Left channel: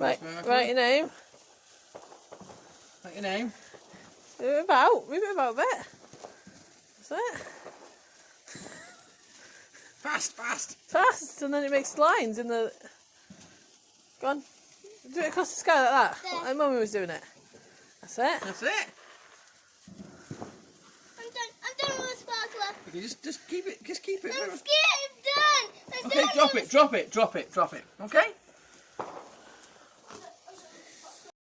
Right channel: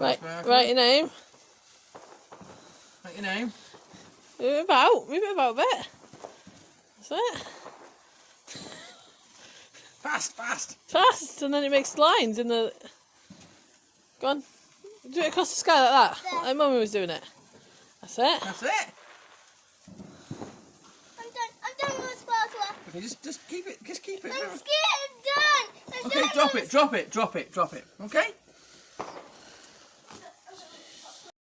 Right, write your name. Write your name. Move it about a bit. That's it. Fast. Fast, and then it makes lines in the... Go on. Do it across the sky like that. Like Mummy was doing it. That's it. That's it. I'm done with the sparkler. Okay, just keep it. I'm scared, I'm done. Okay, drop it. Okay?